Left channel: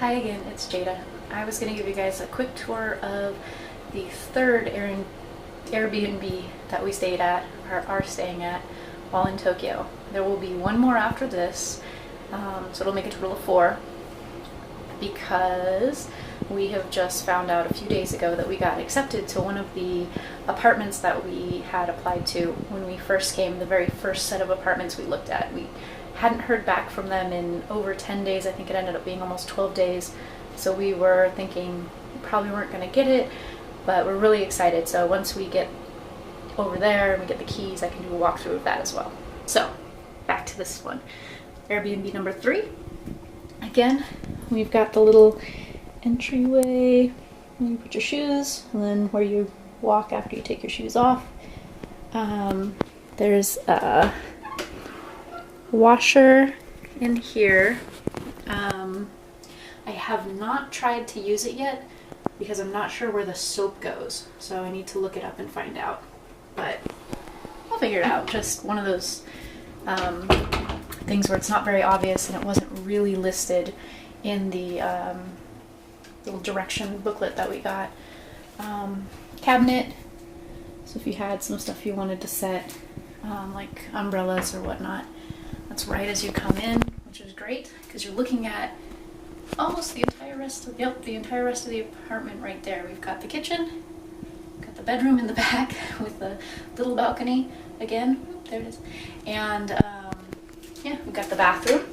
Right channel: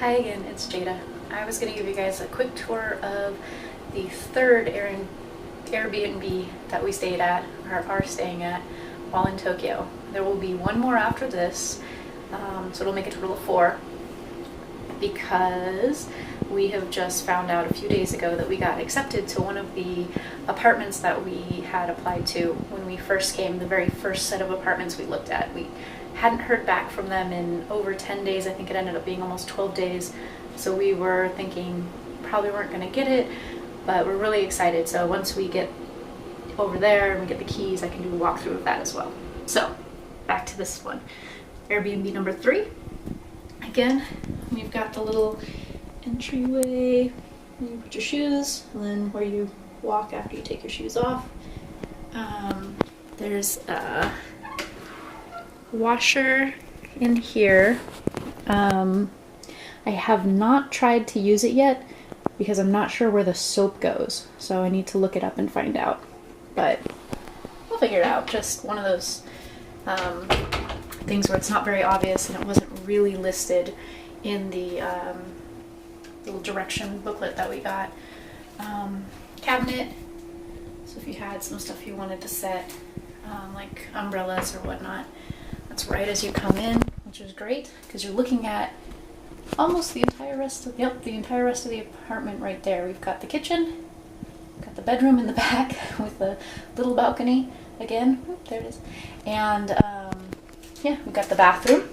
Hi again, it's Jada. I was going to give you guys a quick tour of the third Airbnb that we stayed at, or are staying at, while in Tokyo. There will be one more after this, so it'll make a total of 4, because we have just found out a few days ago that we got accepted to one of the apartments that we had applied to when we first came, the very first set of apartments we looked at. We hadn't heard back from them in over 10 days. I think it ended up being almost 12 days. So we were thinking probably weren't going to get it, but we're really excited. So once we get over there and we get the keys, I can do a walkthrough of that as well. So back to this one. Airbnb number 3. Again, we've got the little entryway. You put your shoes, and then where you walk after you take your shoes off. There's a washer in here. I have not tried to use it yet because I'm not sure where the soap goes, so I need to look it up and find out, but I'll figure it out. Just one of those things where it's not very obvious and it wasn't really listed in the little direction booklet that we got. Cabinet, so if you had some stuff you wanted to set, like umbrellas or whatnot, that's right as you come in, which is great because you're looking at almost the entire rest of the entire rest of the apartment right there. We've got the kitchen, got the bedroom in the back with the little balcony again. Oop, there it is. And yeah, we've got the bathroom.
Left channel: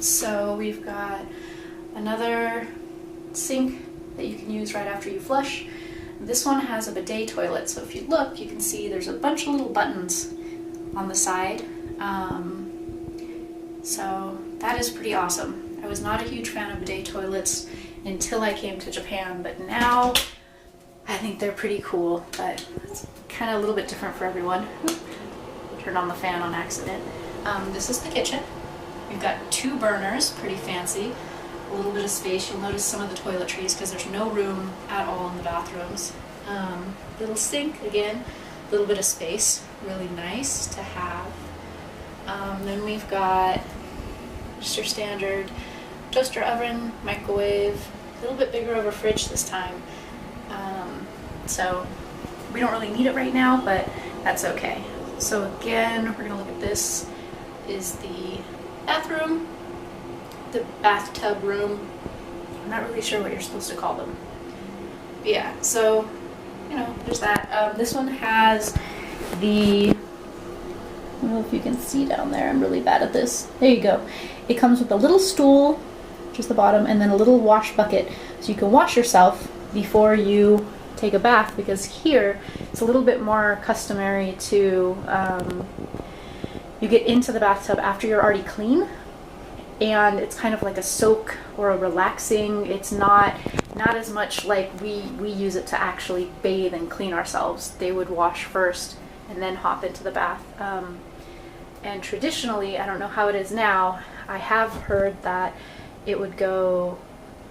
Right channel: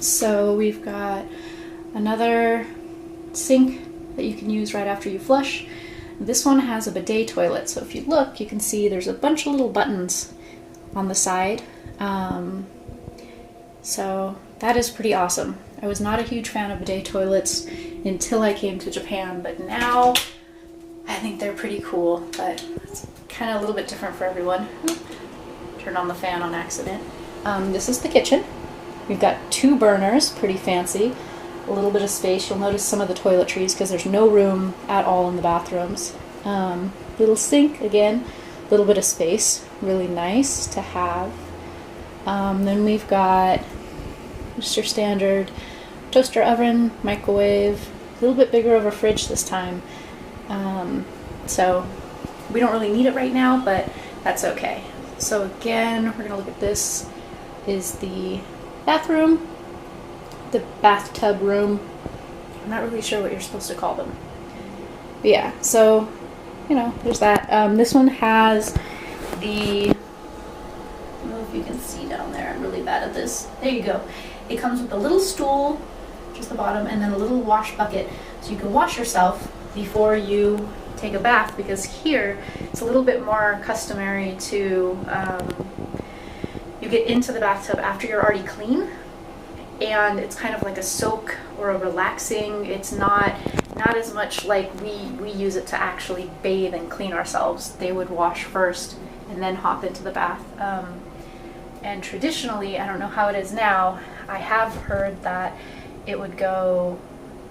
So we've got another sink that you can use right after you flush. This one has a bidet toilet, so if you look, you can see there's a bunch of little buttons on the side. So that is pretty awesome. I was not a huge fan of bidet toilets until I came to Japan, but now I think they're pretty cool, but it's kind of a little bit different for everyone. Turned on the fan on accident. This is the kitchen. We've got 2 burners, pretty fancy. A little bit of space. You'll notice some of the toiletries because there's no room at all in the bathrooms. Little sink, again, a little bit of space. Really nice to have. Then we've got just your standard toaster oven, microwave, a little bit bigger of a fridge this time. So we don't really need it right now, but that's okay. So again, we're going to look at this. Is the bathroom, the bathtub room. I'm not really sure what you're supposed to call them. But yeah, so, you know, there's that. This one has the, I don't know if you can see down there, I'm really bad at this. There you go. It comes with a little stool, which is the bottom, and then a little wash bucket, so you can wash yourself before you take a bath, because here it's a little bit more customary to, you get into the bathtub after you're already clean, and it's kind of like a soak or a relaxing. It's not as much like we use it to actually bathe and clean ourselves. They would wash first and then hop into the bath. And traditionally, I don't know how it is now, I have heard that it would go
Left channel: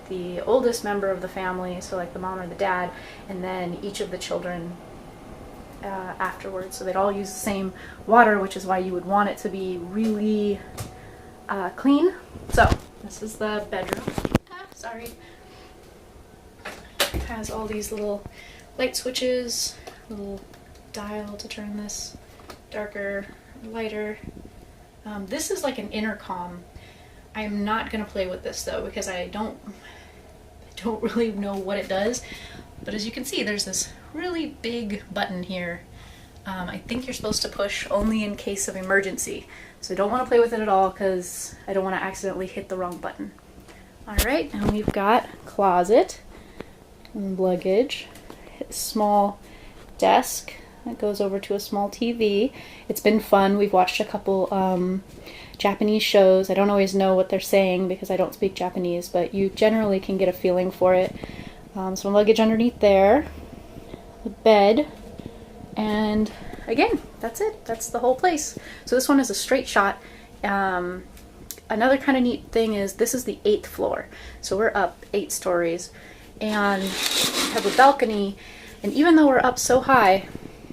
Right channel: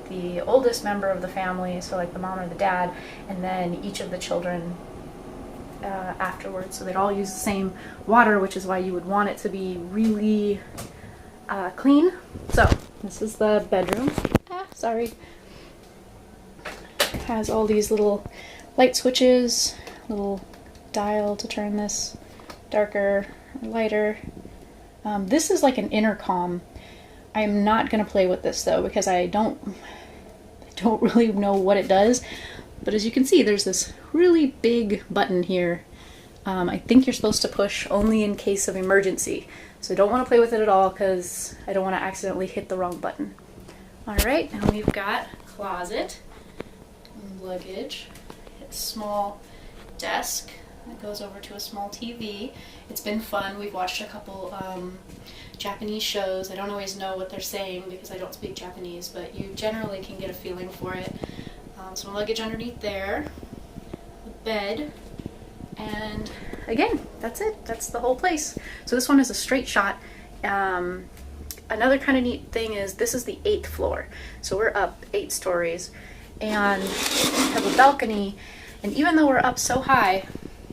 the oldest member of the family, so like the mom or the dad, and then each of the children afterwards. So they'd all use the same water, which is why you would want it to be really clean. So this is the bedroom. Sorry. It has all these little light switches, little dial to turn this darker, lighter. This is like an intercom. I'm not going to play with this though because I don't really know what it does. But as you can see, there's this really big button here. I think you're supposed to push only in case of emergency. So I don't want to play with it at all because I don't want to accidentally hit the wrong button. Alright, and we've got closet and luggage, a small desk that goes over to a small TV. It's been fun. We've watched a couple Japanese shows. I don't always know what they're saying because I don't speak Japanese, but you generally can get a feeling for it. Some luggage underneath there, the bed, and again, that's it. That's the whole place. So this one is a straight shot. Another kind of neat thing is this is the 8th floor. So we're up 8 stories and we have a balcony, and even though we're up so high,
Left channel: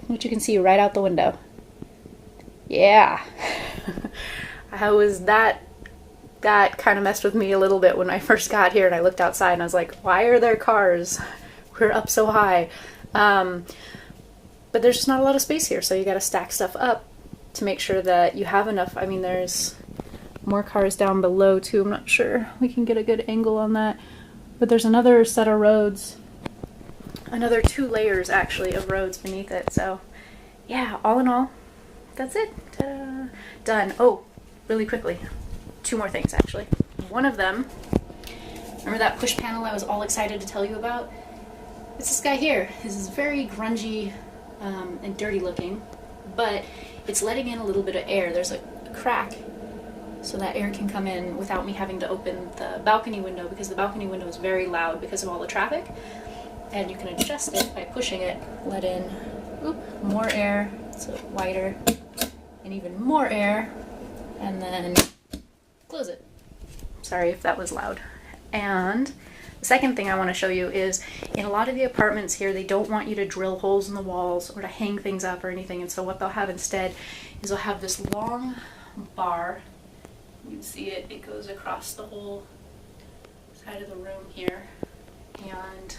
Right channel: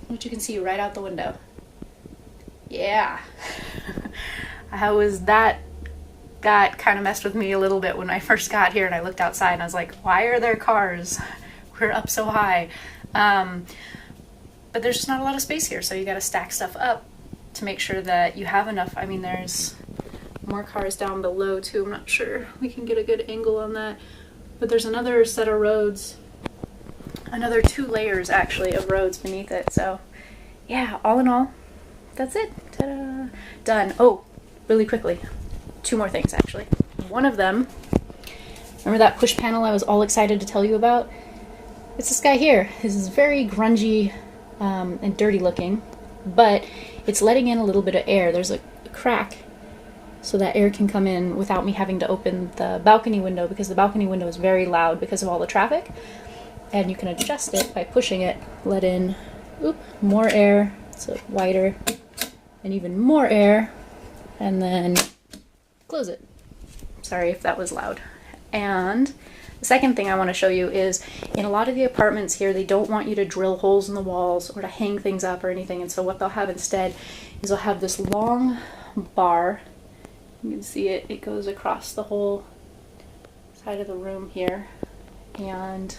which you can see right out the window. Yeah. I was that that kind of messed with me a little bit when I first got here and I looked outside and I was like, why are there cars? We're up so high. But there's just not a lot of space here, so you gotta stack stuff up to make sure that you have enough. I mean, there's more cars down below too. I'm not sure we can get a good angle on that. But there's another set of roads, another 2 layers actually of roads beneath it. So yeah, all in all, that's it. Ta-da! Done. Oh, really quickly, 2 more things actually. One of them, remember that push panel I was all excited to tell you about? It's this guy here. This is very grungy and dirty looking, but it's letting in a little bit of air. There's a crack so that air can come in without me having to open the balcony window, because the balcony window is very loud because of all the traffic. And you can adjust it by pushing it, let in more air, so wider, and even more air, and then close it. Sorry if that was loud. And the second thing I want to show you is, in a lot of the apartments here, they don't want you to drill holes in the walls or to hang things up or anything, and so what they'll have instead is they'll have this long bar. You can see it, it goes across the whole side of the room here, and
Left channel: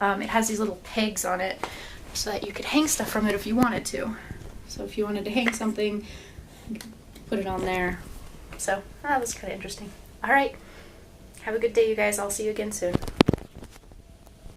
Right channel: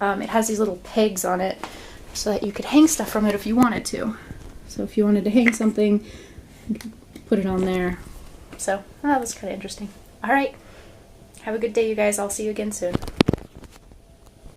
it has these little pegs on it so that you could hang stuff from it if you wanted to. So if you wanted to hang something, you could put it on there. So that was kind of interesting. Alright, have a good day you guys, I'll see you again soon.